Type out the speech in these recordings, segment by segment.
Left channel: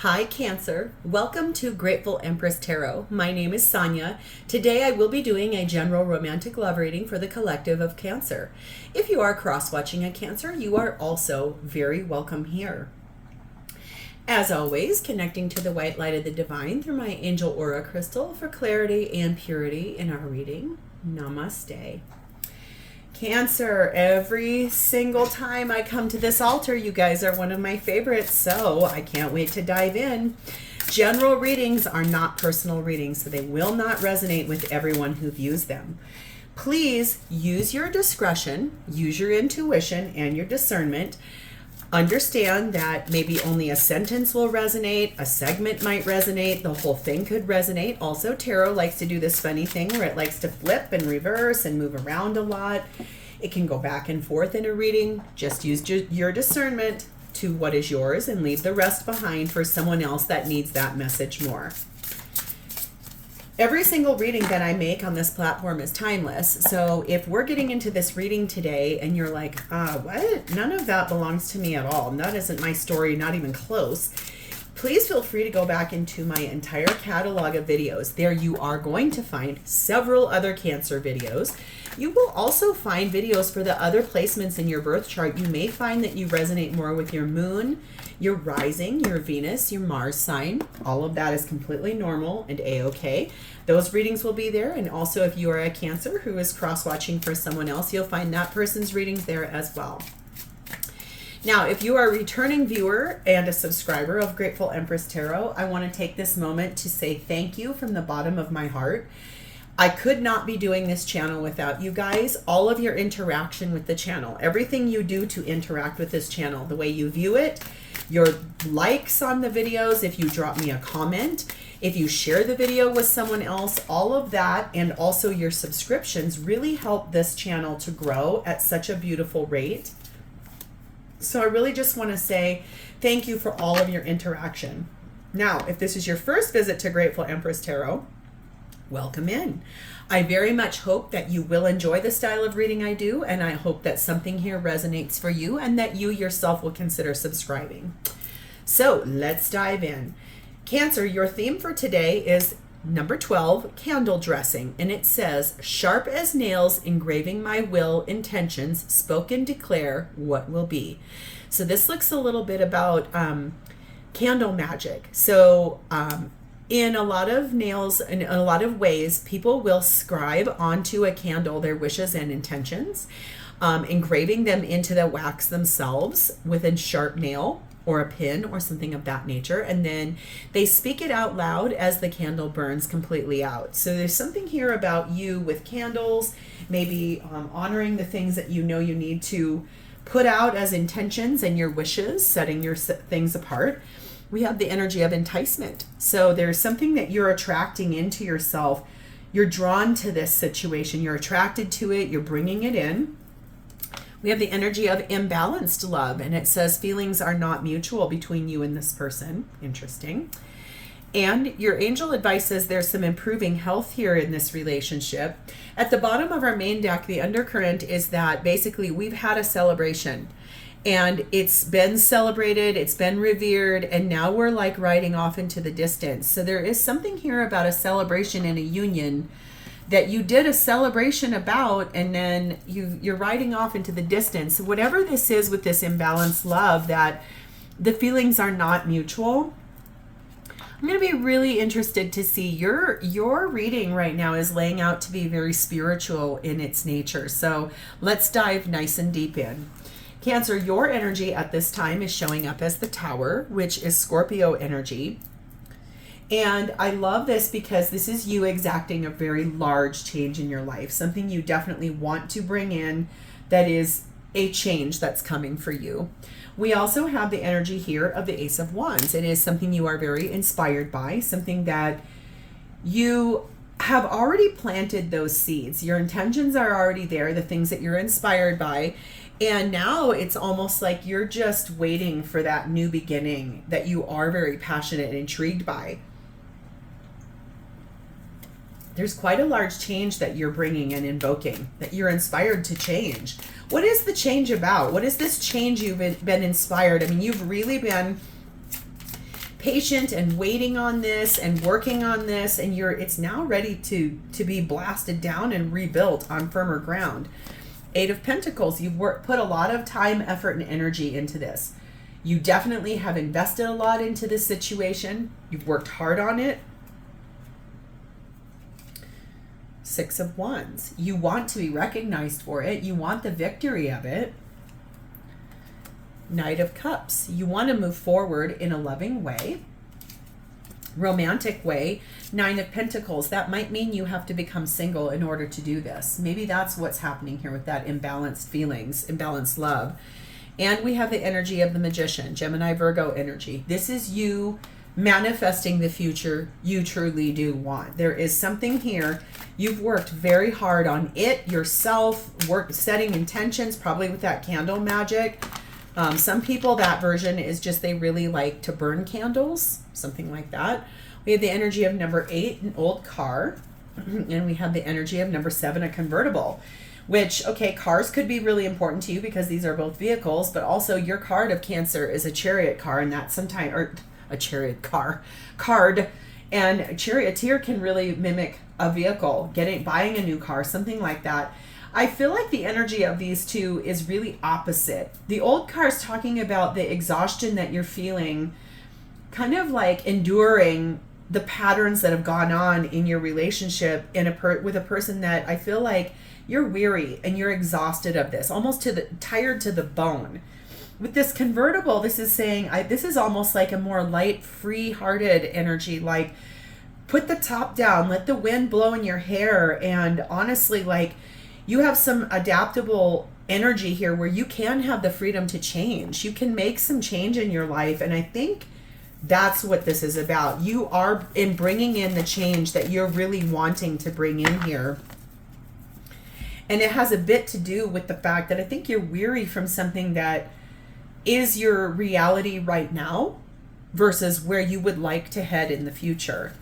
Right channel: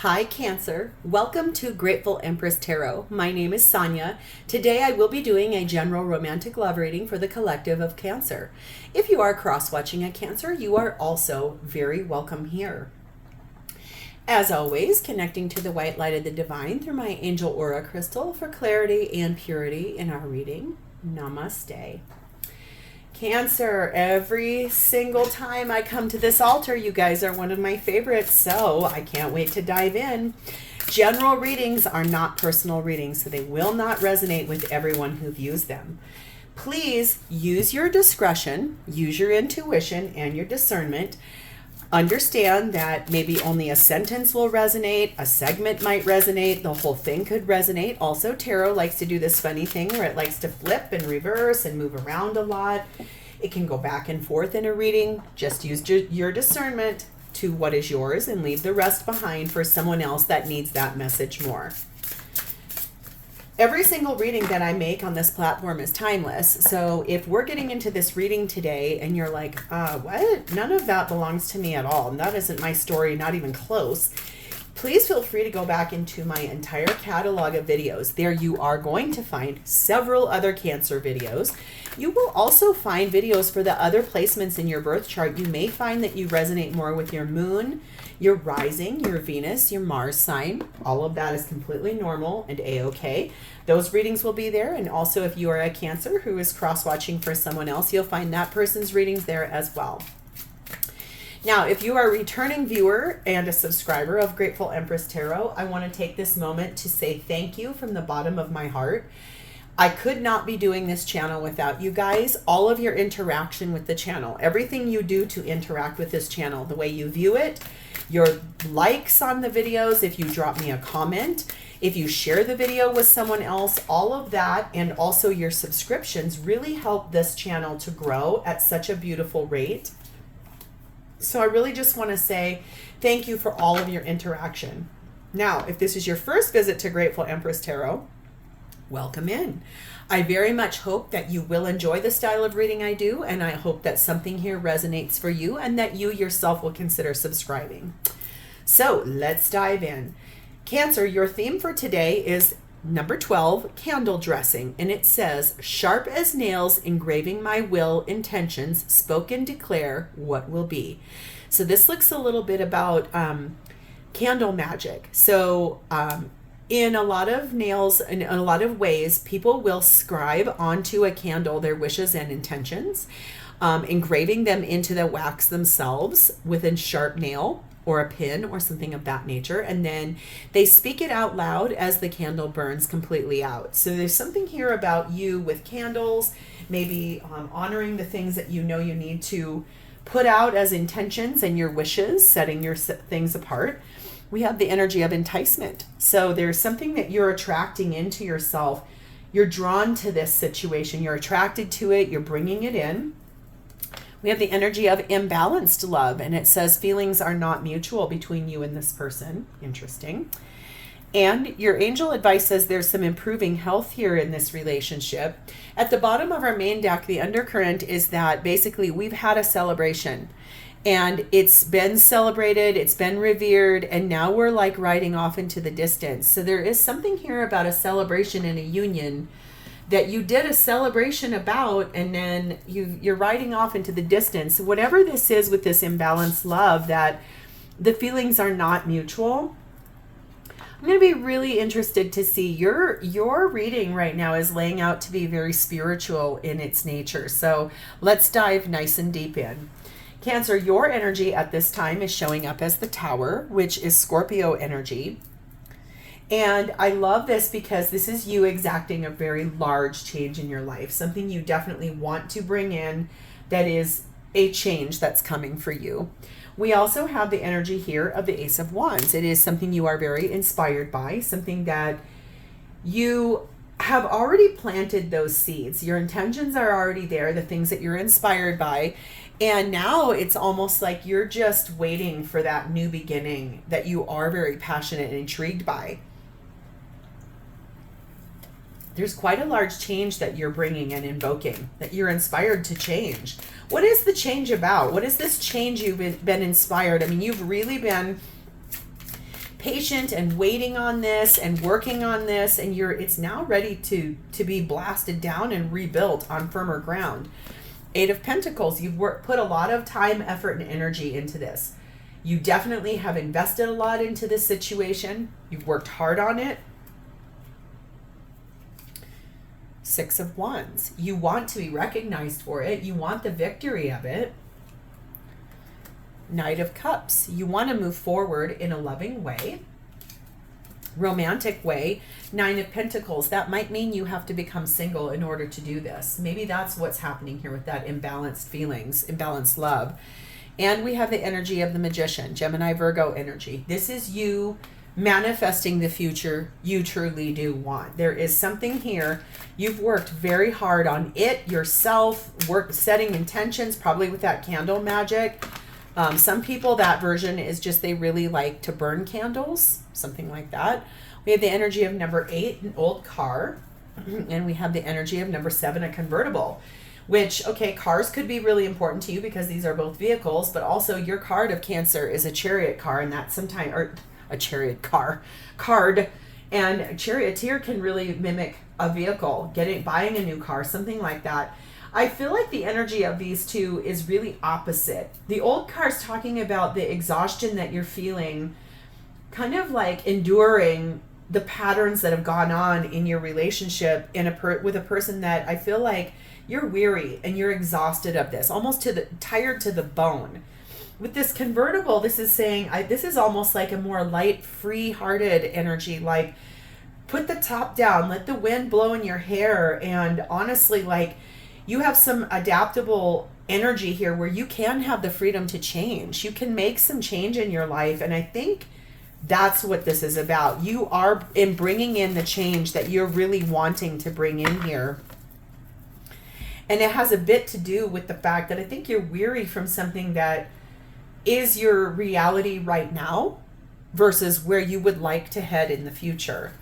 Hi Cancer, welcome to Grateful Empress Tarot. My name is Sonia. Today I will be doing a general romantic love reading for the collective of Cancer. If you are cross-watching a Cancer, you are also very welcome here. As always, connecting to the white light of the divine through my angel aura crystal for clarity and purity in our reading. Namaste. Cancer, every single time I come to this altar, you guys are one of my favorites, so I can't wait to dive in. General readings are not personal readings, so they will not resonate with everyone who views them. Please use your discretion, use your intuition and your discernment. Understand that maybe only a sentence will resonate, a segment might resonate, the whole thing could resonate. Also, tarot likes to do this funny thing where it likes to flip and reverse and move around a lot. It can go back and forth in a reading. Just use your discernment to what is yours and leave the rest behind for someone else that needs that message more. Every single reading that I make on this platform is timeless. So if we're getting into this reading today and you're like, what? None of that belongs to me at all. That isn't my story, not even close. Please feel free to go back into my entire catalog of videos. There you are going to find several other Cancer videos. You will also find videos for the other placements in your birth chart. You may find that you resonate more with your moon, your rising, your Venus, your Mars sign. All of that is completely normal and a-okay. Those readings will be there. And also if you are a Cancer who is cross-watching for someone else, you'll find that person's readings there as well. Now, if you are a returning viewer and a subscriber of Grateful Empress Tarot, I want to take this moment to say thank you from the bottom of my heart. I could not be doing this channel without you guys. All of your interaction with the channel, everything you do to interact with this channel, the way you view it, your likes on the videos, if you drop me a comment, if you share the video with someone else, all of that, and also your subscriptions really help this channel to grow at such a beautiful rate. So I really just want to say thank you for all of your interaction. Now, if this is your first visit to Grateful Empress Tarot, welcome in. I very much hope that you will enjoy the style of reading I do, and I hope that something here resonates for you and that you yourself will consider subscribing. So let's dive in. Cancer, your theme for today is number 12, candle dressing, and it says, sharp as nails, engraving my will, intentions, spoken declare what will be. So this looks a little bit about candle magic. So in a lot of nails, in a lot of ways, people will scribe onto a candle their wishes and intentions, engraving them into the wax themselves with a sharp nail or a pin or something of that nature, and then they speak it out loud as the candle burns completely out. So there's something here about you with candles, maybe honoring the things that you know you need to put out as intentions and your wishes, setting your things apart. We have the energy of enticement. So there's something that you're attracting into yourself. You're drawn to this situation. You're attracted to it. You're bringing it in. We have the energy of imbalanced love, and it says feelings are not mutual between you and this person. Interesting. And your angel advice says there's some improving health here in this relationship. At the bottom of our main deck, the undercurrent is that basically we've had a celebration and it's been celebrated, it's been revered, and now we're like riding off into the distance. So there is something here about a celebration and a union that you did a celebration about, and then you're riding off into the distance. Whatever this is with this imbalanced love, that the feelings are not mutual. I'm going to be really interested to see your reading right now is laying out to be very spiritual in its nature. So let's dive nice and deep in. Cancer, your energy at this time is showing up as the Tower, which is Scorpio energy. And I love this because this is you exacting a very large change in your life, something you definitely want to bring in that is a change that's coming for you. We also have the energy here of the Ace of Wands. It is something you are very inspired by, something that you have already planted those seeds. Your intentions are already there, the things that you're inspired by. And now it's almost like you're just waiting for that new beginning that you are very passionate and intrigued by. There's quite a large change that you're bringing and invoking, that you're inspired to change. What is the change about? What is this change you've been inspired? I mean, you've really been patient and waiting on this and working on this, and it's now ready to be blasted down and rebuilt on firmer ground. 8 of Pentacles, you've put a lot of time, effort, and energy into this. You definitely have invested a lot into this situation. You've worked hard on it. 6 of Wands. You want to be recognized for it. You want the victory of it. Knight of Cups. You want to move forward in a loving way, romantic way. 9 of Pentacles. That might mean you have to become single in order to do this. Maybe that's what's happening here with that imbalanced feelings, imbalanced love. And we have the energy of the Magician, Gemini, Virgo energy. This is you manifesting the future you truly do want. There is something here. You've worked very hard on it yourself, setting intentions, probably with that candle magic. Some people, that version is just they really like to burn candles, something like that. We have the energy of number 8, an old car. And we have the energy of number 7, a convertible. Which, okay, cars could be really important to you because these are both vehicles, but also your card of Cancer is a chariot car, and that sometimes, or a chariot card, and charioteer can really mimic a vehicle, buying a new car, something like that. I feel like the energy of these two is really opposite. The old car is talking about the exhaustion that you're feeling, kind of like enduring the patterns that have gone on in your relationship with a person that I feel like you're weary and you're exhausted of this, almost tired to the bone. With this convertible, this is saying, this is almost like a more light, free-hearted energy, like put the top down, let the wind blow in your hair, and honestly, like you have some adaptable energy here where you can have the freedom to change. You can make some change in your life, and I think that's what this is about. You are bringing in the change that you're really wanting to bring in here. And it has a bit to do with the fact that I think you're weary from something that is your reality right now versus where you would like to head in the future.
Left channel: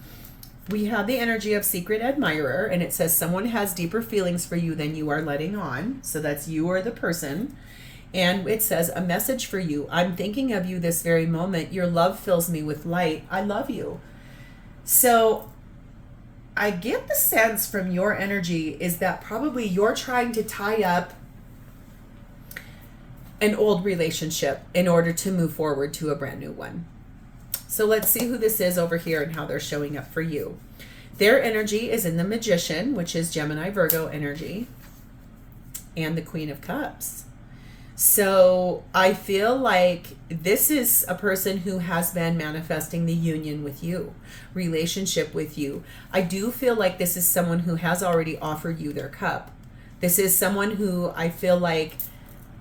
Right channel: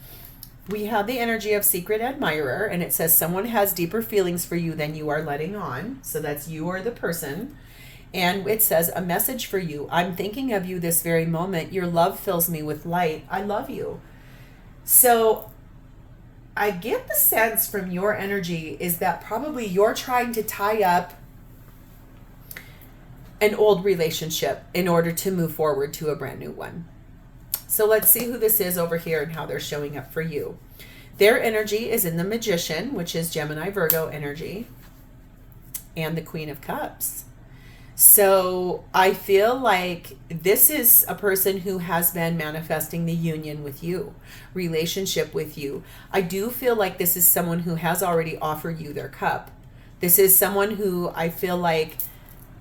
We have the energy of secret admirer, and it says someone has deeper feelings for you than you are letting on. So that's you or the person. And it says a message for you. I'm thinking of you this very moment. Your love fills me with light. I love you. So I get the sense from your energy is that probably you're trying to tie up an old relationship in order to move forward to a brand new one. So let's see who this is over here and how they're showing up for you. Their energy is in the Magician, which is Gemini, Virgo energy, and the Queen of Cups. So I feel like this is a person who has been manifesting the union with you, relationship with you. I do feel like this is someone who has already offered you their cup. This is someone who I feel like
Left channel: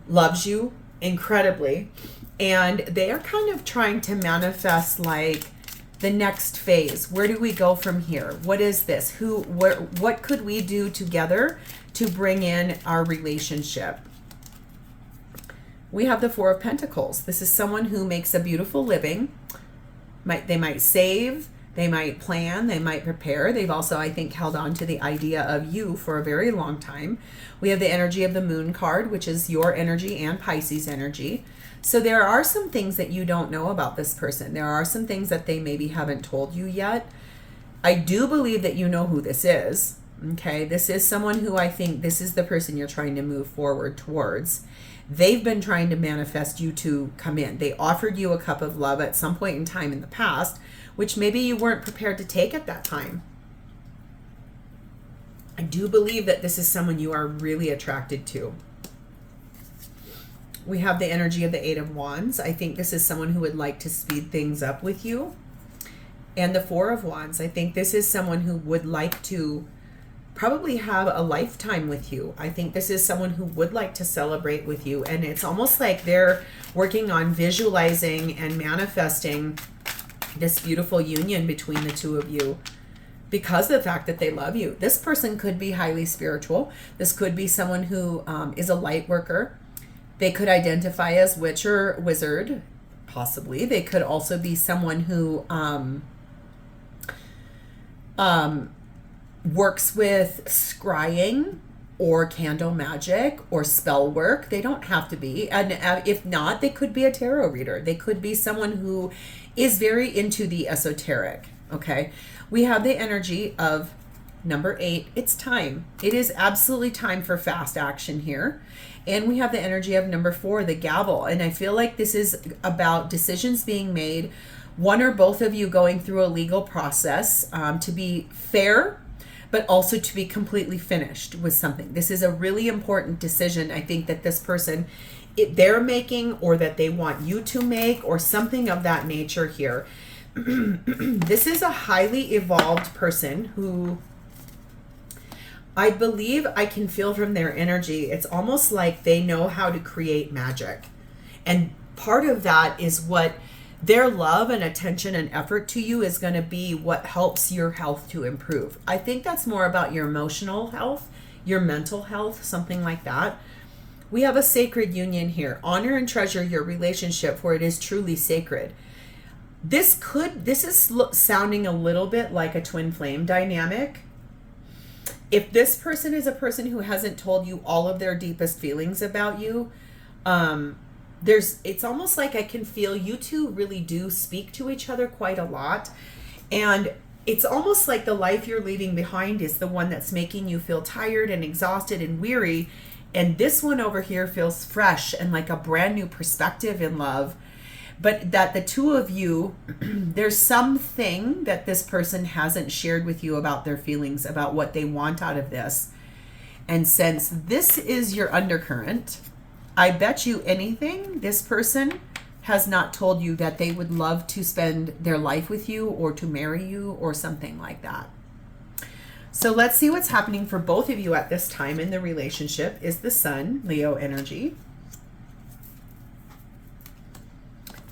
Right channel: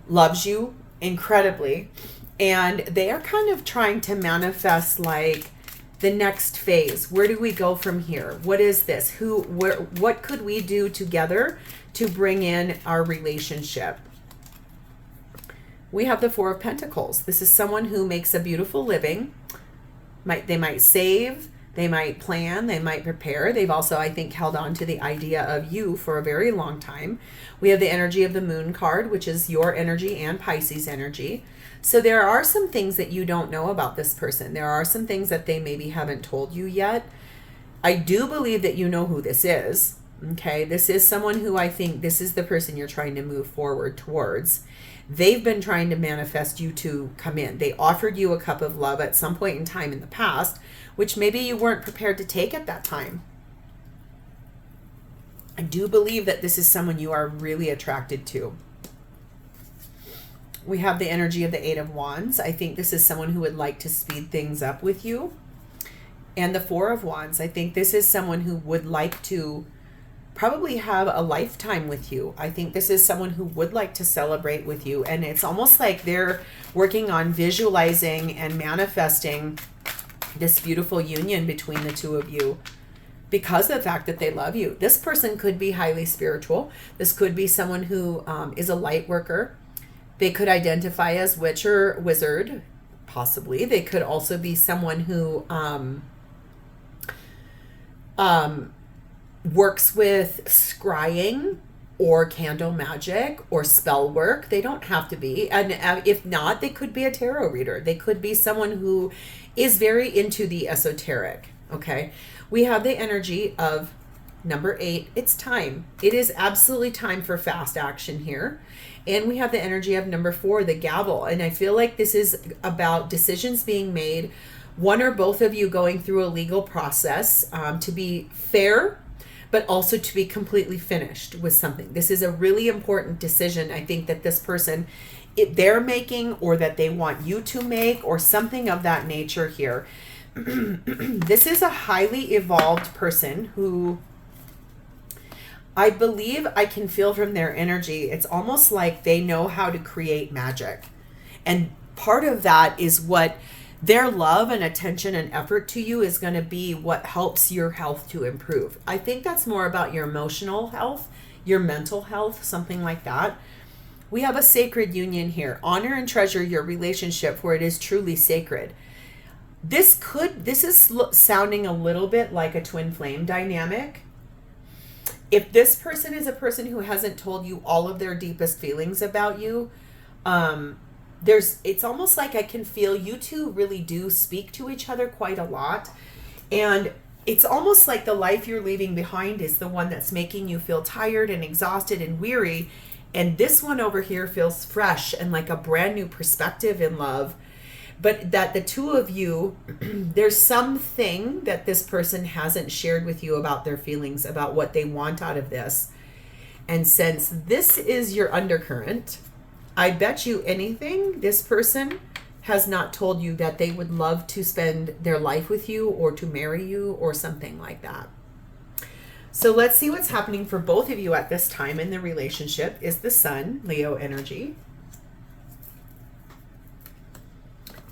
loves you incredibly, and they are kind of trying to manifest like the next phase. Where do we go from here? What is this? What could we do together to bring in our relationship? We have the Four of Pentacles. This is someone who makes a beautiful living. They might save, they might plan, they might prepare. They've also, I think, held on to the idea of you for a very long time. We have the energy of the Moon card, which is your energy and Pisces energy. So there are some things that you don't know about this person. There are some things that they maybe haven't told you yet. I do believe that you know who this is. Okay, this is someone who I think this is the person you're trying to move forward towards. They've been trying to manifest you to come in. They offered you a cup of love at some point in time in the past, which maybe you weren't prepared to take at that time. I do believe that this is someone you are really attracted to. We have the energy of the Eight of Wands. I think this is someone who would like to speed things up with you. And the Four of Wands. I think this is someone who would like to probably have a lifetime with you. I think this is someone who would like to celebrate with you. And it's almost like they're working on visualizing and manifesting this beautiful union between the two of you because of the fact that they love you. This person could be highly spiritual. This could be someone who is a light worker. They could identify as witch or wizard, possibly. They could also be someone who works with scrying or candle magic or spell work. They don't have to be. And if not, they could be a tarot reader. They could be someone who is very into the esoteric, okay? We have the energy of number 8. It's time. It is absolutely time for fast action here. And we have the energy of number 4, the gavel. And I feel like this is about decisions being made, one or both of you going through a legal process to be fair, but also to be completely finished with something. This is a really important decision, I think, that this person, they're making, or that they want you to make, or something of that nature here. This is a highly evolved person who, I believe I can feel from their energy, it's almost like they know how to create magic. And part of that is what their love and attention and effort to you is going to be what helps your health to improve. I think that's more about your emotional health, your mental health, something like that. We have a sacred union here. Honor and treasure your relationship, for it is truly sacred. This is sounding a little bit like a twin flame dynamic. If this person is a person who hasn't told you all of their deepest feelings about you, it's almost like I can feel you two really do speak to each other quite a lot. And it's almost like the life you're leaving behind is the one that's making you feel tired and exhausted and weary. And this one over here feels fresh and like a brand new perspective in love. But that the two of you, there's something that this person hasn't shared with you about their feelings, about what they want out of this. And since this is your undercurrent, I bet you anything this person has not told you that they would love to spend their life with you or to marry you or something like that. So let's see what's happening for both of you at this time in the relationship. Is the Sun, Leo energy.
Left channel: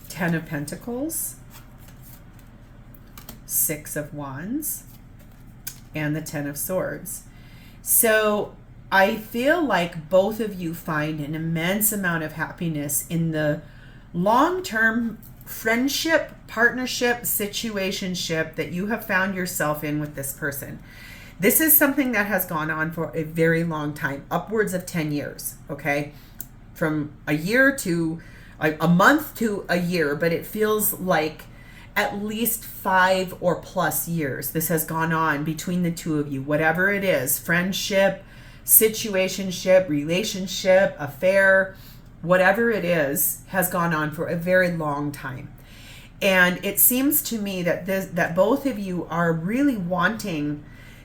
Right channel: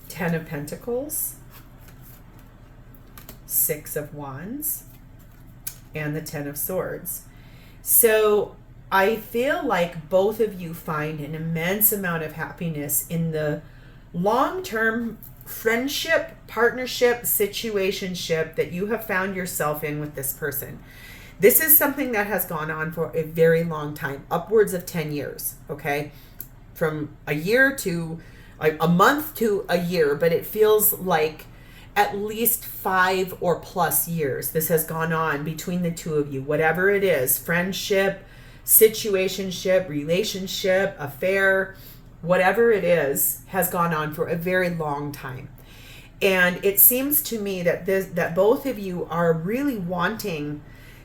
10 of Pentacles, 6 of Wands, and the 10 of Swords. So I feel like both of you find an immense amount of happiness in the long-term friendship, partnership, situationship that you have found yourself in with this person. This is something that has gone on for a very long time, upwards of 10 years, okay? From a year to a month to a year, but it feels like at least 5 or plus years this has gone on between the two of you. Whatever it is, friendship, situationship, relationship, affair, whatever it is, has gone on for a very long time. And it seems to me that that both of you are really wanting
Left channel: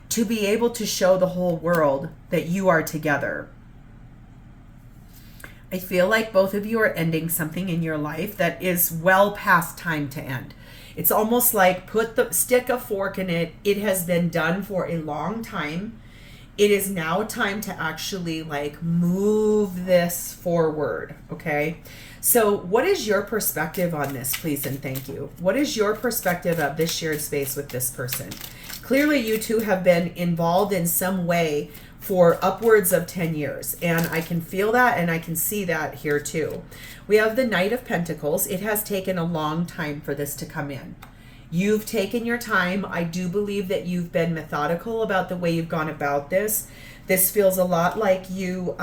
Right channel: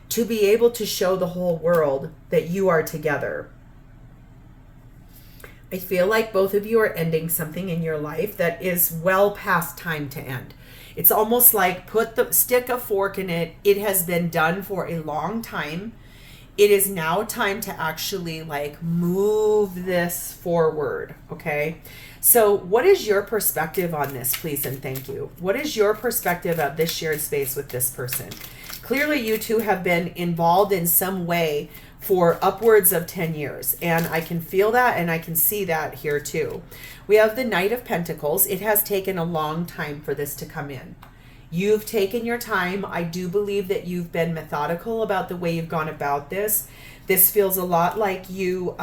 to be able to show the whole world that you are together. I feel like both of you are ending something in your life that is well past time to end. It's almost like stick a fork in it. It has been done for a long time. It is now time to actually like move this forward, okay? So what is your perspective on this, please and thank you? What is your perspective of this shared space with this person? Clearly you two have been involved in some way for upwards of 10 years. And I can feel that and I can see that here too. We have the Knight of Pentacles. It has taken a long time for this to come in. You've taken your time. I do believe that you've been methodical about the way you've gone about this. This feels a lot like you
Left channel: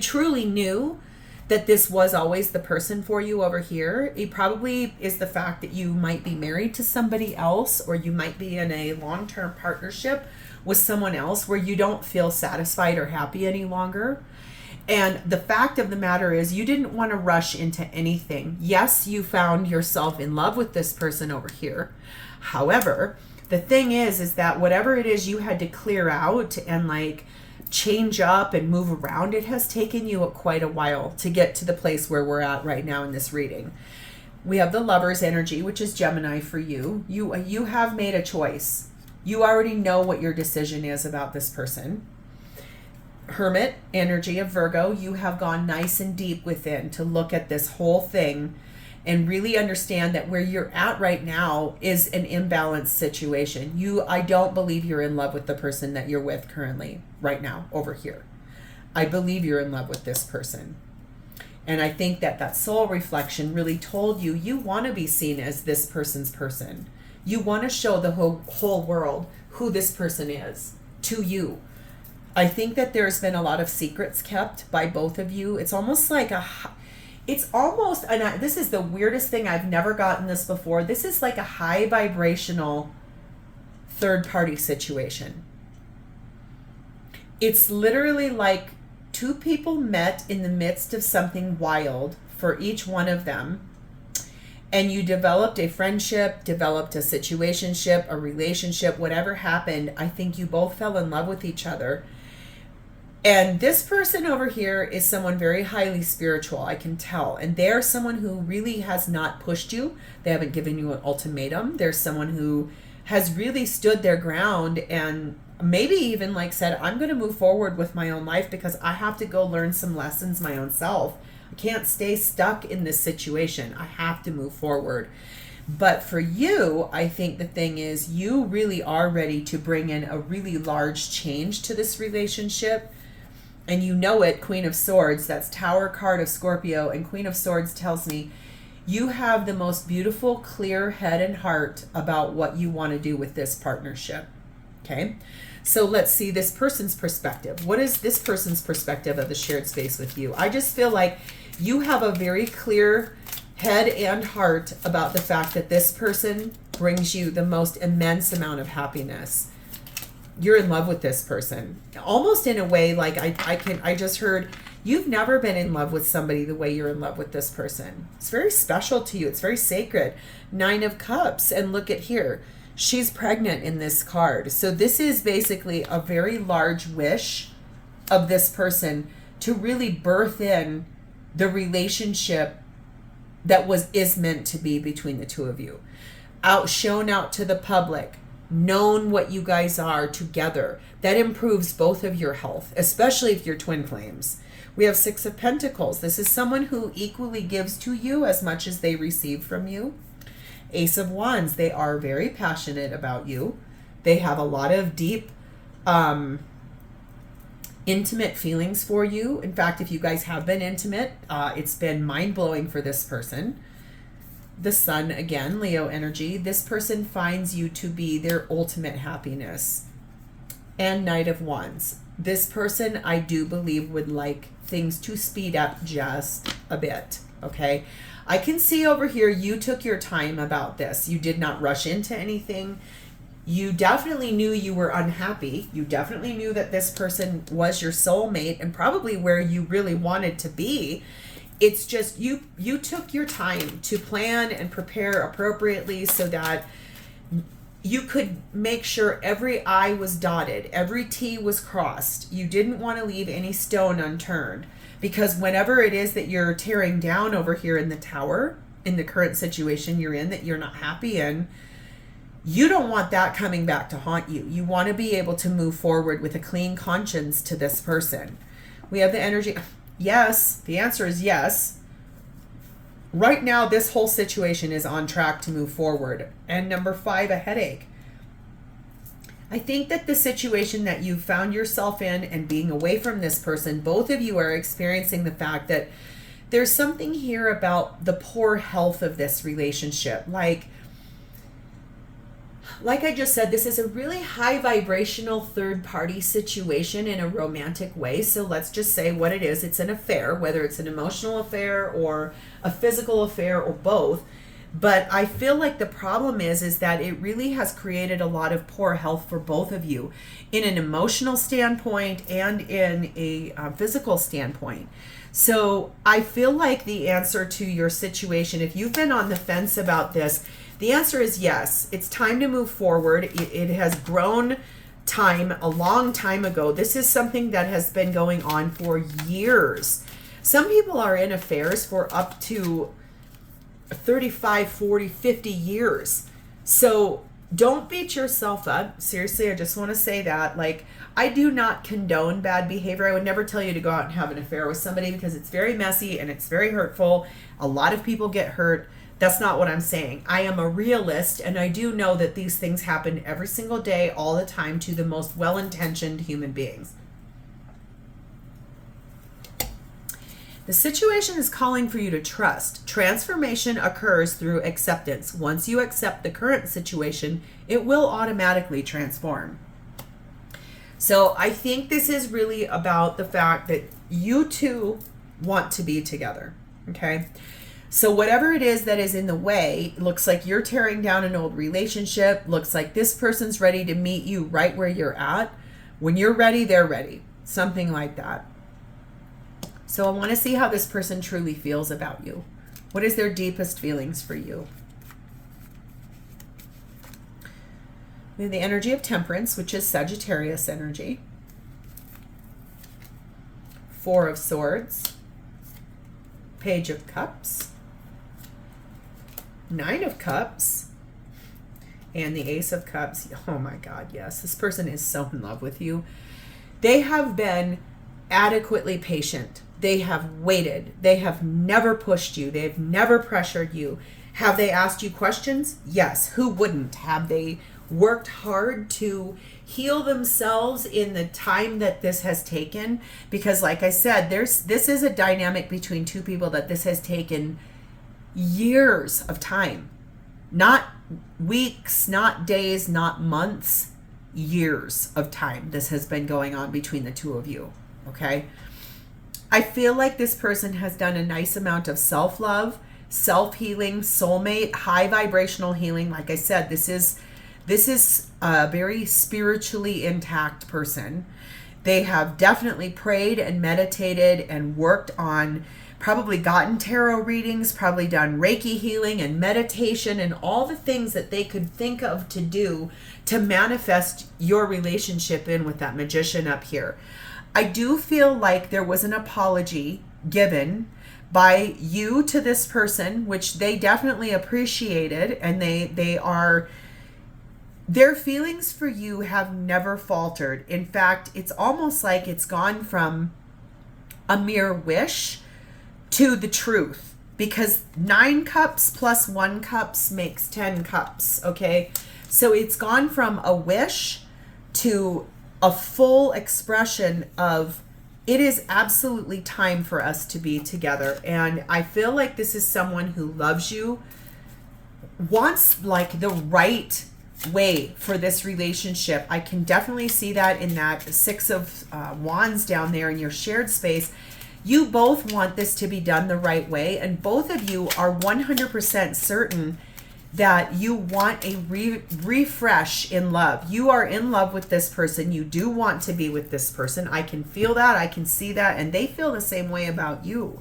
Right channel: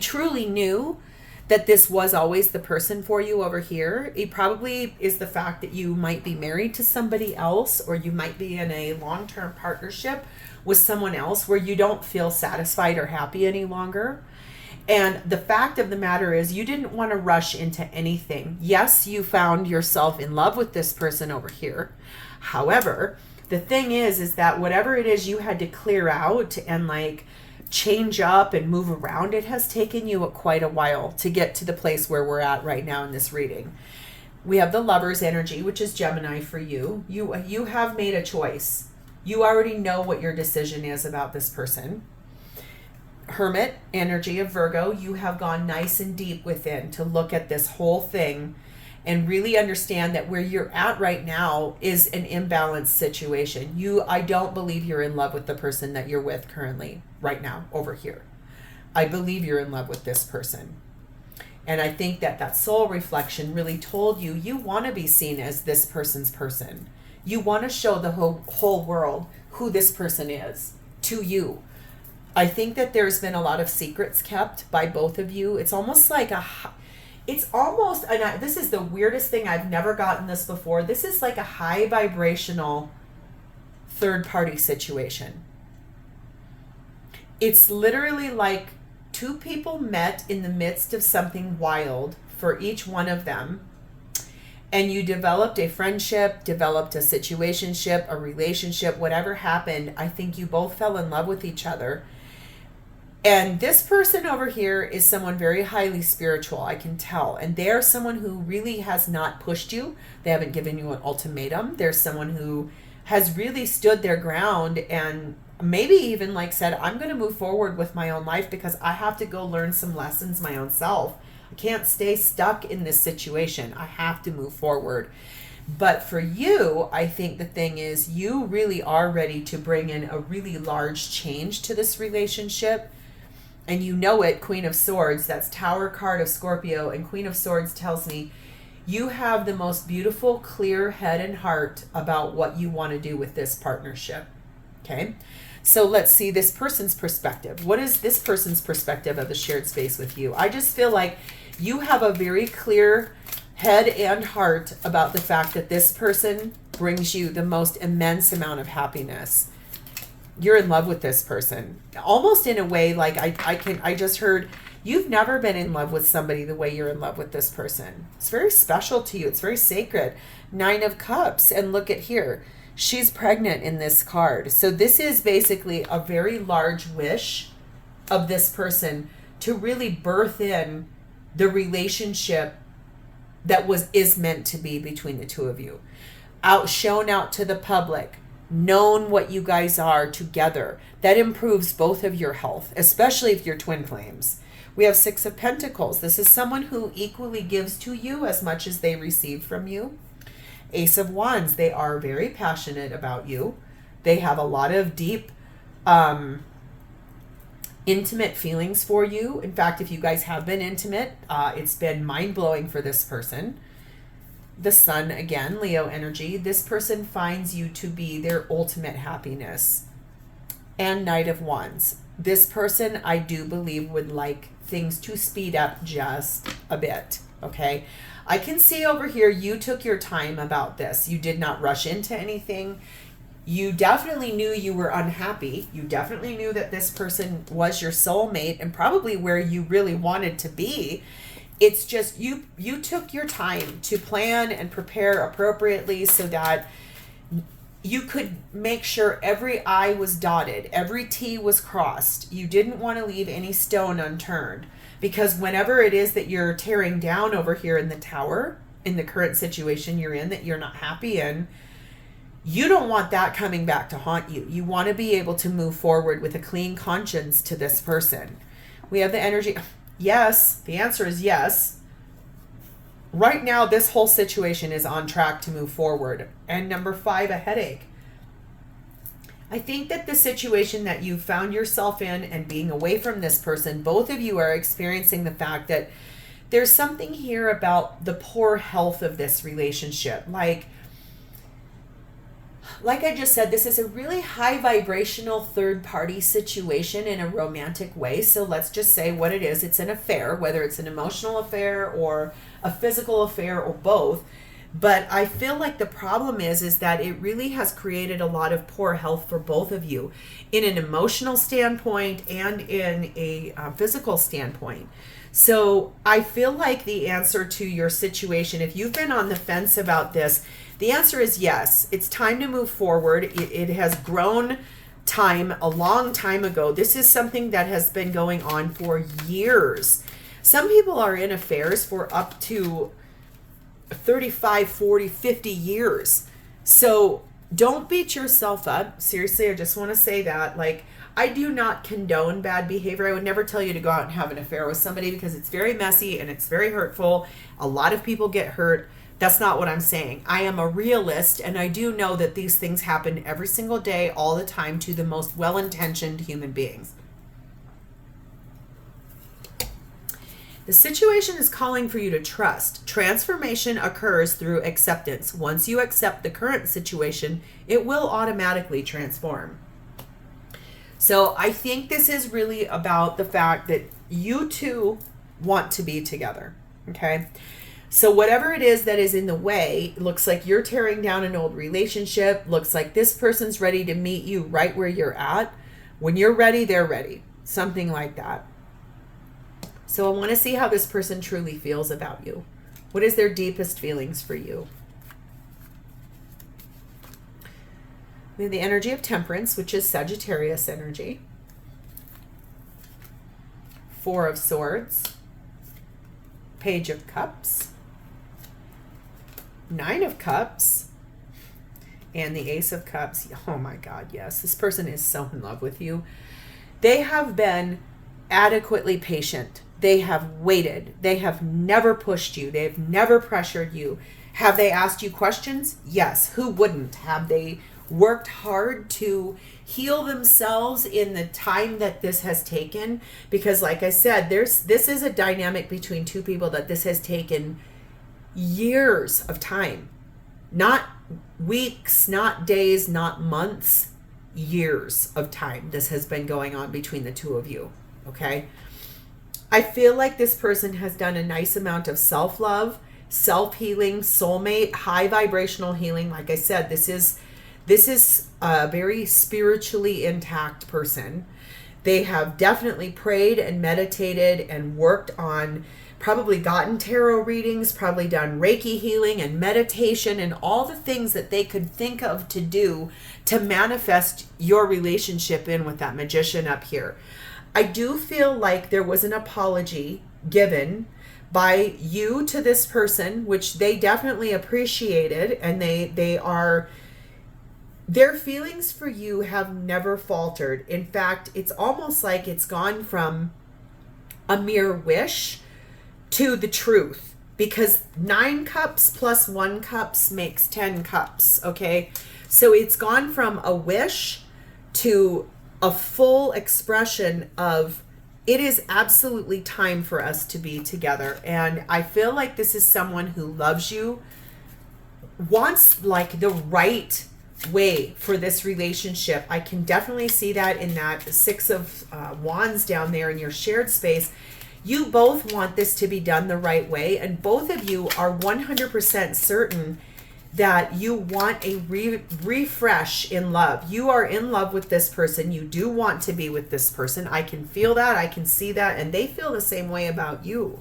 truly knew that this was always the person for you over here. It probably is the fact that you might be married to somebody else, or you might be in a long-term partnership with someone else where you don't feel satisfied or happy any longer. And the fact of the matter is you didn't want to rush into anything. Yes, you found yourself in love with this person over here. However, the thing is that whatever it is you had to clear out and like change up and move around, it has taken you quite a while to get to the place where we're at right now in this reading. We have the Lover's energy, which is Gemini for you. You have made a choice. You already know what your decision is about this person. Hermit energy of Virgo, you have gone nice and deep within to look at this whole thing and really understand that where you're at right now is an imbalanced situation. I don't believe you're in love with the person that you're with currently right now over here. I believe you're in love with this person. And I think that soul reflection really told you, you want to be seen as this person's person. You want to show the whole world who this person is to you. I think that there's been a lot of secrets kept by both of you. It's almost like it's almost, and this is the weirdest thing, I've never gotten this before. This is like a high vibrational third party situation. It's literally like two people met in the midst of something wild for each one of them. And you developed a friendship, developed a situationship, a relationship, whatever happened. I think you both fell in love with each other. And this person over here is someone very highly spiritual, I can tell. And they're someone who really has not pushed you. They haven't given you an ultimatum. They're someone who has really stood their ground and maybe even like said, I'm going to move forward with my own life because I have to go learn some lessons my own self. I can't stay stuck in this situation. I have to move forward. But for you, I think the thing is you really are ready to bring in a really large change to this relationship. And you know it, Queen of Swords, that's Tower card of Scorpio. And Queen of Swords tells me you have the most beautiful, clear head and heart about what you want to do with this partnership. Okay? So let's see this person's perspective. What is this person's perspective of the shared space with you? I just feel like you have a very clear head and heart about the fact that this person brings you the most immense amount of happiness. You're in love with this person. Almost in a way, like I just heard, you've never been in love with somebody the way you're in love with this person. It's very special to you. It's very sacred. 9 of Cups. And look at here. She's pregnant in this card. So this is basically a very large wish of this person to really birth in the relationship that is meant to be between the two of you. Shown out to the public, known what you guys are together. That improves both of your health, especially if you're twin flames. We have 6 of Pentacles. This is someone who equally gives to you as much as they receive from you. Ace of Wands, they are very passionate about you. They have a lot of deep, intimate feelings for you. In fact, if you guys have been intimate, it's been mind-blowing for this person. The Sun, again, Leo energy. This person finds you to be their ultimate happiness. And Knight of Wands. This person, I do believe, would like things to speed up just a bit, okay? I can see over here you took your time about this. You did not rush into anything. You definitely knew you were unhappy. You definitely knew that this person was your soulmate and probably where you really wanted to be. It's just you took your time to plan and prepare appropriately so that you could make sure every I was dotted, every T was crossed. You didn't want to leave any stone unturned. Because whenever it is that you're tearing down over here in the Tower, in the current situation you're in that you're not happy in, you don't want that coming back to haunt you. You want to be able to move forward with a clean conscience to this person. We have the energy. Yes, the answer is yes. Right now, this whole situation is on track to move forward. And number 5, a headache. I think that the situation that you found yourself in and being away from this person, both of you are experiencing the fact that there's something here about the poor health of this relationship. Like I just said, this is a really high vibrational third party situation in a romantic way. So let's just say what it is. It's an affair, whether it's an emotional affair or a physical affair or both. But I feel like the problem is that it really has created a lot of poor health for both of you in an emotional standpoint and in a physical standpoint. So I feel like the answer to your situation, if you've been on the fence about this, the answer is yes. It's time to move forward. It has grown time, a long time ago. This is something that has been going on for years. Some people are in affairs for up to 35, 40, 50 years. So don't beat yourself up. Seriously, I just want to say that. Like, I do not condone bad behavior. I would never tell you to go out and have an affair with somebody because it's very messy and it's very hurtful. A lot of people get hurt. That's not what I'm saying. I am a realist, and I do know that these things happen every single day, all the time, to the most well-intentioned human beings. The situation is calling for you to trust. Transformation occurs through acceptance. Once you accept the current situation, it will automatically transform. So I think this is really about the fact that you two want to be together. Okay. So whatever it is that is in the way, looks like you're tearing down an old relationship. Looks like this person's ready to meet you right where you're at. When you're ready, they're ready. Something like that. So I want to see how this person truly feels about you. What is their deepest feelings for you? We have the energy of Temperance, which is Sagittarius energy. Four of Swords. Page of Cups. Nine of Cups. And the Ace of Cups. Oh my God, yes. This person is so in love with you. They have been adequately patient. They have waited. They have never pushed you. They have never pressured you. Have they asked you questions? Yes. Who wouldn't? Have they worked hard to heal themselves in the time that this has taken? Because like I said, this is a dynamic between two people that this has taken years of time. Not weeks, not days, not months, years of time. This has been going on between the two of you. Okay? I feel like this person has done a nice amount of self-love, self-healing, soulmate, high vibrational healing. Like I said, this is a very spiritually intact person. They have definitely prayed and meditated and worked on, probably gotten tarot readings, probably done Reiki healing and meditation and all the things that they could think of to do to manifest your relationship in with that Magician up here. I do feel like there was an apology given by you to this person, which they definitely appreciated, and their feelings for you have never faltered. In fact, it's almost like it's gone from a mere wish to the truth, because 9 cups plus 1 cups makes 10 cups. Okay. So it's gone from a wish to a full expression of, it is absolutely time for us to be together. And I feel like this is someone who loves you, wants like the right way for this relationship. I can definitely see that in that 6 of Wands down there in your shared space. You both want this to be done the right way, and both of you are 100% certain that you want a refresh in love. You are in love with this person. You do want to be with this person. I can feel that. I can see that. And they feel the same way about you.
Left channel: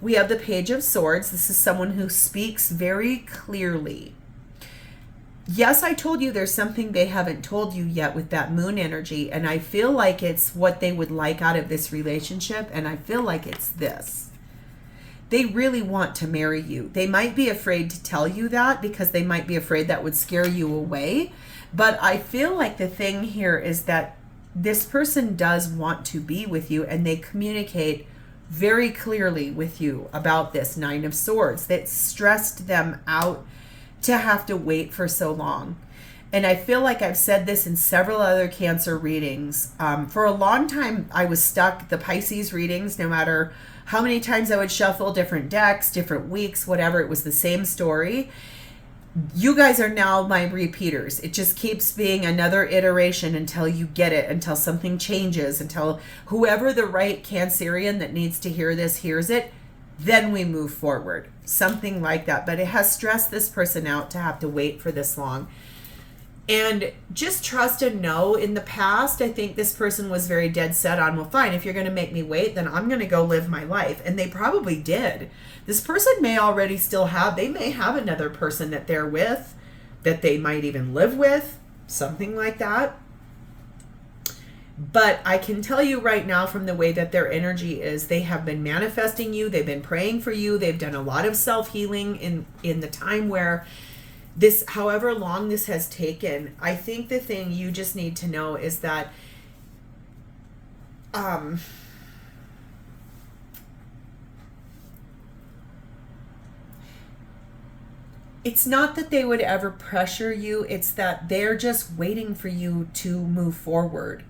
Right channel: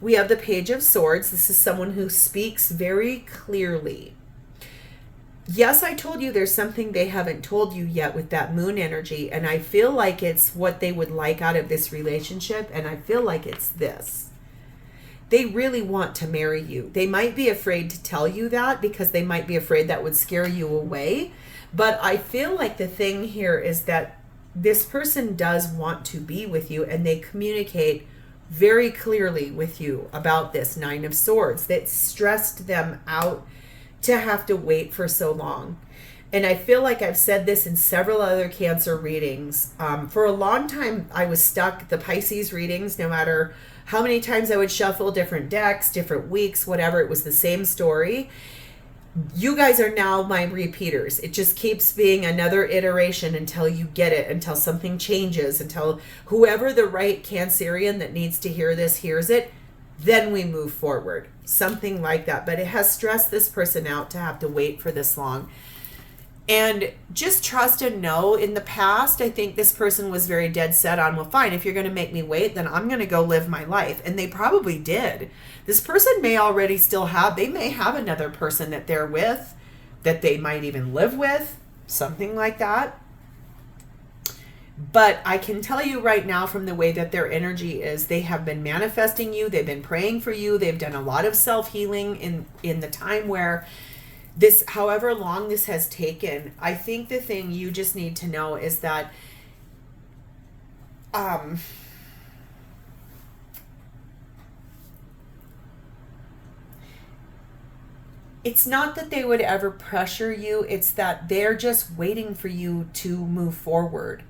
We have the Page of Swords. This is someone who speaks very clearly. Yes, I told you there's something they haven't told you yet with that moon energy. And I feel like it's what they would like out of this relationship. And I feel like it's this. They really want to marry you. They might be afraid to tell you that because they might be afraid that would scare you away. But I feel like the thing here is that this person does want to be with you, and they communicate very clearly with you about this 9 of Swords. That stressed them out to have to wait for so long. And I feel like I've said this in several other Cancer readings. For a long time, I was stuck. The Pisces readings, no matter how many times I would shuffle different decks, different weeks, whatever, it was the same story. You guys are now my repeaters. It just keeps being another iteration until you get it, until something changes, until whoever the right Cancerian that needs to hear this hears it. Then we move forward. Something like that. But it has stressed this person out to have to wait for this long. And just trust and know, in the past, I think this person was very dead set on, well, fine, if you're going to make me wait, then I'm going to go live my life. And they probably did. This person may already they may have another person that they're with, that they might even live with, something like that. But I can tell you right now, from the way that their energy is, they have been manifesting you. They've been praying for you. They've done a lot of self-healing in the time where this, however long this has taken. I think the thing you just need to know is that it's not that they would ever pressure you. It's that they're just waiting for you to move forward.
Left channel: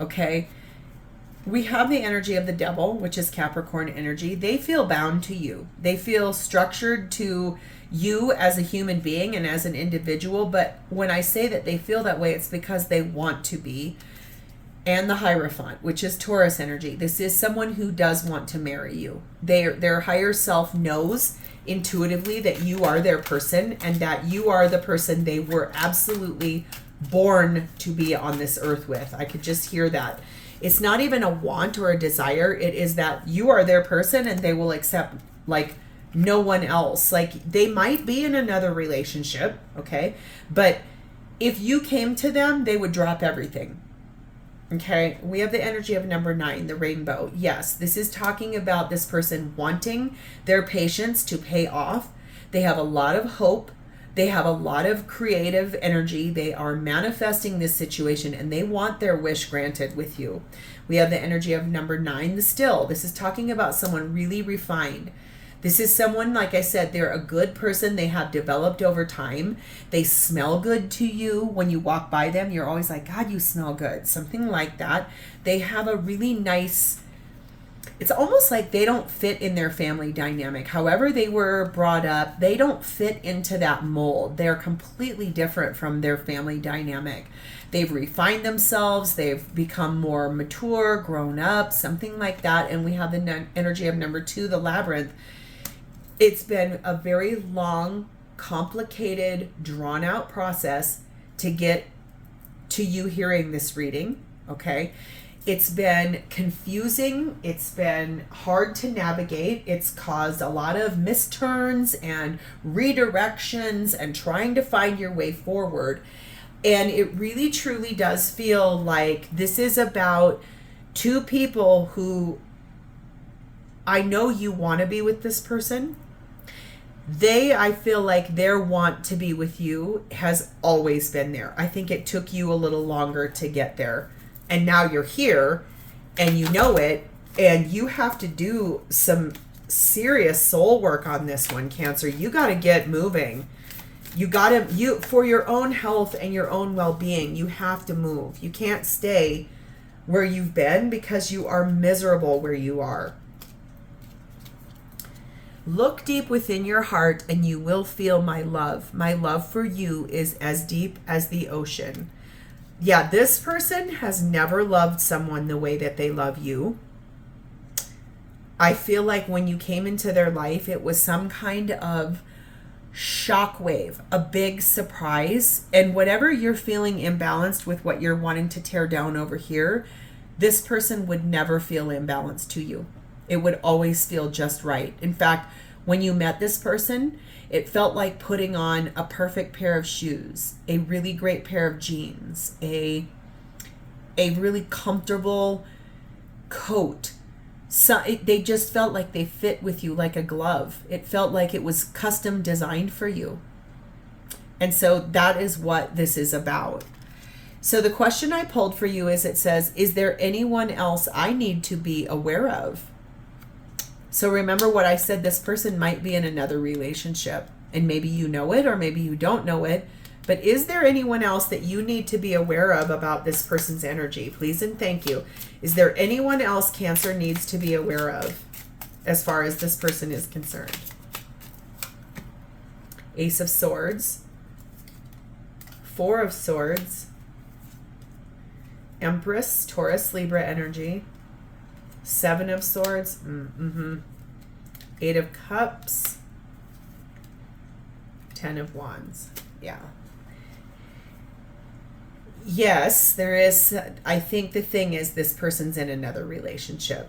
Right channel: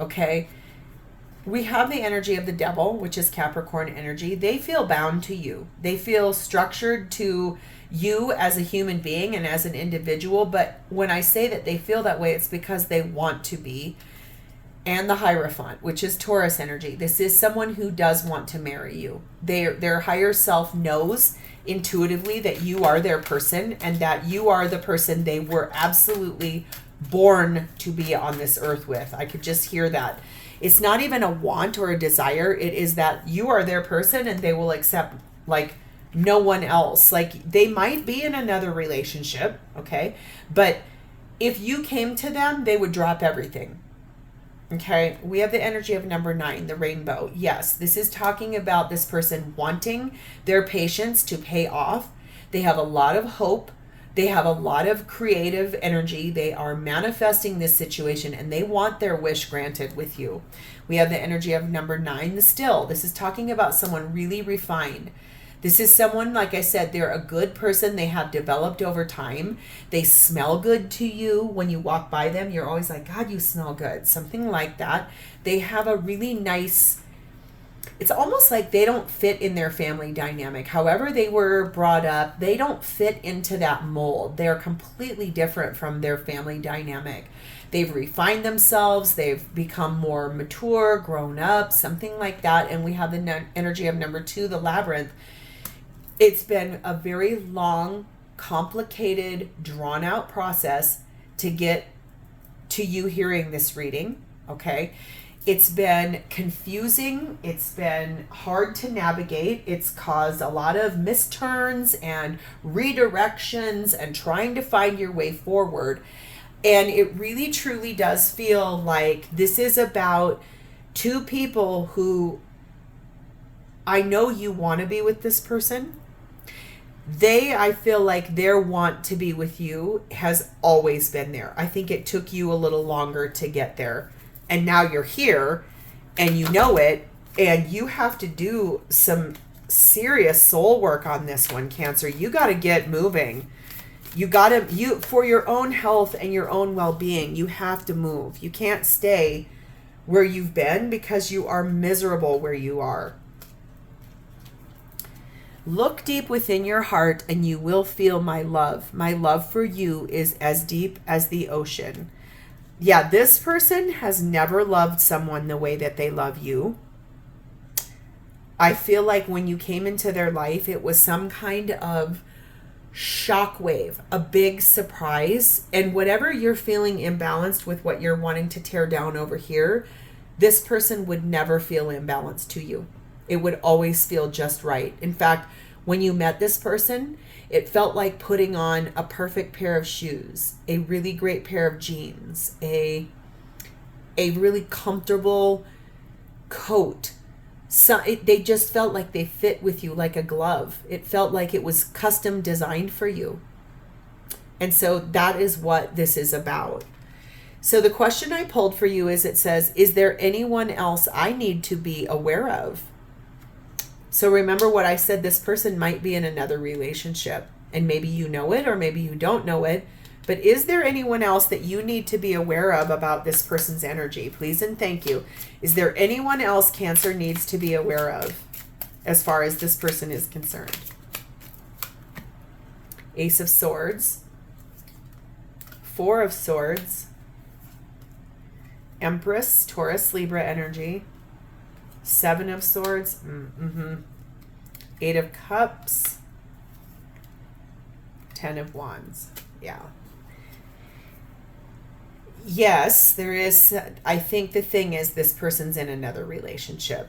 Okay? We have the energy of the Devil, which is Capricorn energy. They feel bound to you. They feel structured to you as a human being and as an individual. But when I say that they feel that way, it's because they want to be. and the Hierophant, which is Taurus energy. This is someone who does want to marry you. Their higher self knows intuitively that you are their person and that you are the person they were absolutely born to be on this earth with. I could just hear that. It's not even a want or a desire. It is that you are their person and they will accept like no one else. Like they might be in another relationship, okay? But if you came to them, they would drop everything. Okay, we have the energy of number 9, the rainbow. Yes, this is talking about this person wanting their patience to pay off. They have a lot of hope. They have a lot of creative energy. They are manifesting this situation and they want their wish granted with you. We have the energy of number 9, the still. This is talking about someone really refined. This is someone, like I said, they're a good person. They have developed over time. They smell good to you. When you walk by them, you're always like, God, you smell good. Something like that. They have a really nice, it's almost like they don't fit in their family dynamic. However they were brought up, they don't fit into that mold. They're completely different from their family dynamic. They've refined themselves. They've become more mature, grown up, something like that. And we have the energy of number 2, the labyrinth. It's been a very long, complicated, drawn out process to get to you hearing this reading, okay? It's been confusing. It's been hard to navigate. It's caused a lot of misturns and redirections and trying to find your way forward. And it really, truly does feel like this is about 2 people who I know you want to be with this person. I feel like their want to be with you has always been there. I think it took you a little longer to get there. And now you're here and you know it, and you have to do some serious soul work on this one, Cancer. You got to get moving. You for your own health and your own well-being, you have to move. You can't stay where you've been because you are miserable where you are. Look deep within your heart and you will feel my love. My love for you is as deep as the ocean. Yeah, this person has never loved someone the way that they love you. I feel like when you came into their life, it was some kind of shockwave, a big surprise. And whatever you're feeling imbalanced with what you're wanting to tear down over here, this person would never feel imbalanced to you. It would always feel just right. In fact, when you met this person, it felt like putting on a perfect pair of shoes, a really great pair of jeans, a really comfortable coat. They just felt like they fit with you like a glove. It felt like it was custom designed for you. And so that is what this is about. So the question I pulled for you is, it says, is there anyone else I need to be aware of? So remember what I said, this person might be in another relationship and maybe you know it or maybe you don't know it, but is there anyone else that you need to be aware of about this person's energy? Please and thank you. Is there anyone else Cancer needs to be aware of as far as this person is concerned? Ace of Swords, 4 of Swords, Empress, Taurus, Libra energy, 7 of Swords, 8 of Cups, 10 of Wands. Yeah. Yes, there is. I think the thing is, this person's in another relationship.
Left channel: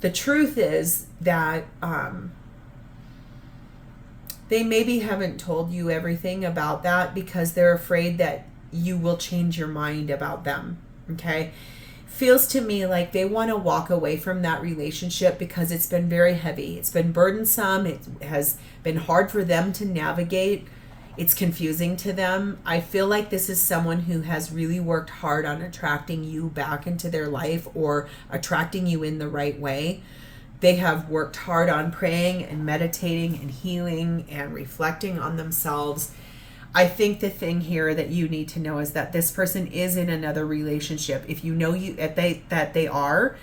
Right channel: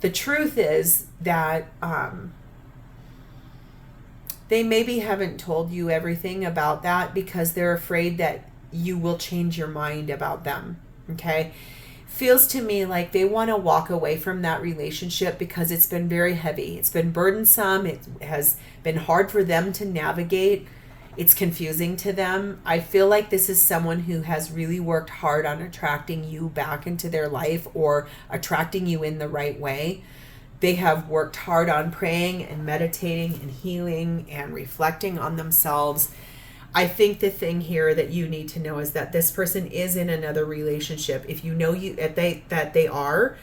The truth is that they maybe haven't told you everything about that because they're afraid that you will change your mind about them. Okay? Feels to me like they want to walk away from that relationship because it's been very heavy. It's been burdensome. It has been hard for them to navigate. It's confusing to them. I feel like this is someone who has really worked hard on attracting you back into their life or attracting you in the right way. They have worked hard on praying and meditating and healing and reflecting on themselves. I think the thing here that you need to know is that this person is in another relationship. If you know that they are,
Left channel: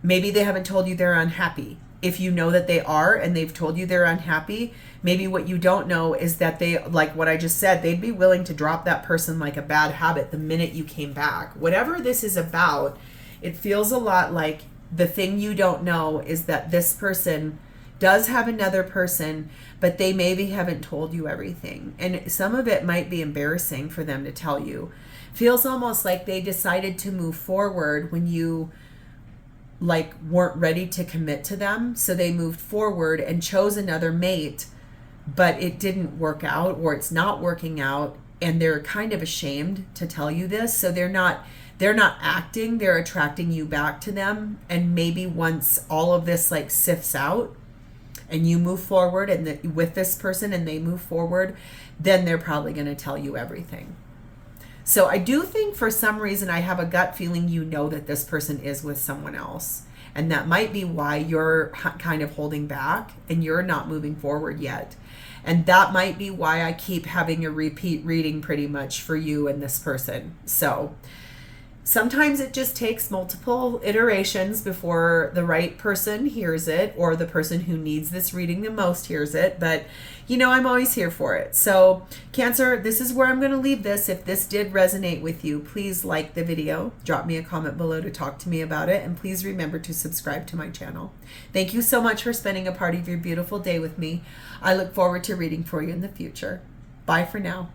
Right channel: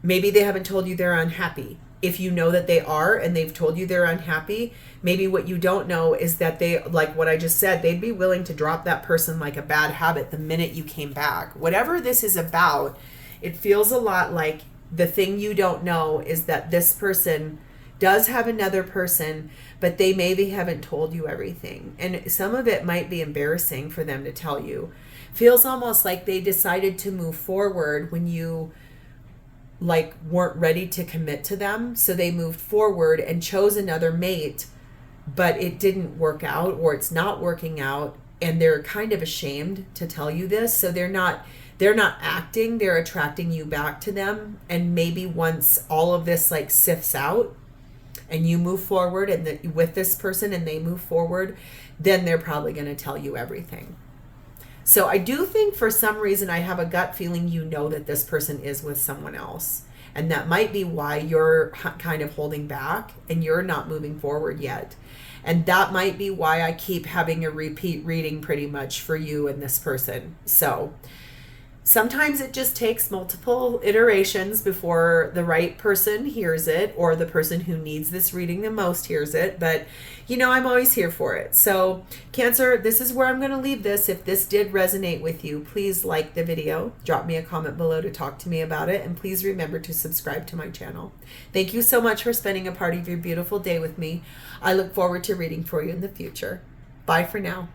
maybe they haven't told you they're unhappy. if you know that they are and they've told you they're unhappy, maybe what you don't know is that they, like what I just said, they'd be willing to drop that person like a bad habit the minute you came back. Whatever this is about, it feels a lot like the thing you don't know is that this person does have another person, but they maybe haven't told you everything. And some of it might be embarrassing for them to tell you. Feels almost like they decided to move forward when you like weren't ready to commit to them. So they moved forward and chose another mate, but it didn't work out, or it's not working out, and they're kind of ashamed to tell you this. So they're not acting, they're attracting you back to them. And maybe once all of this like sifts out and you move forward and with this person and they move forward, then they're probably going to tell you everything. So I do think for some reason I have a gut feeling you know that this person is with someone else. And that might be why you're kind of holding back and you're not moving forward yet. And that might be why I keep having a repeat reading pretty much for you and this person. So sometimes it just takes multiple iterations before the right person hears it, or the person who needs this reading the most hears it. But, you know, I'm always here for it. So, Cancer, this is where I'm going to leave this. If this did resonate with you, please like the video. Drop me a comment below to talk to me about it. And please remember to subscribe to my channel. Thank you so much for spending a part of your beautiful day with me. I look forward to reading for you in the future. Bye for now.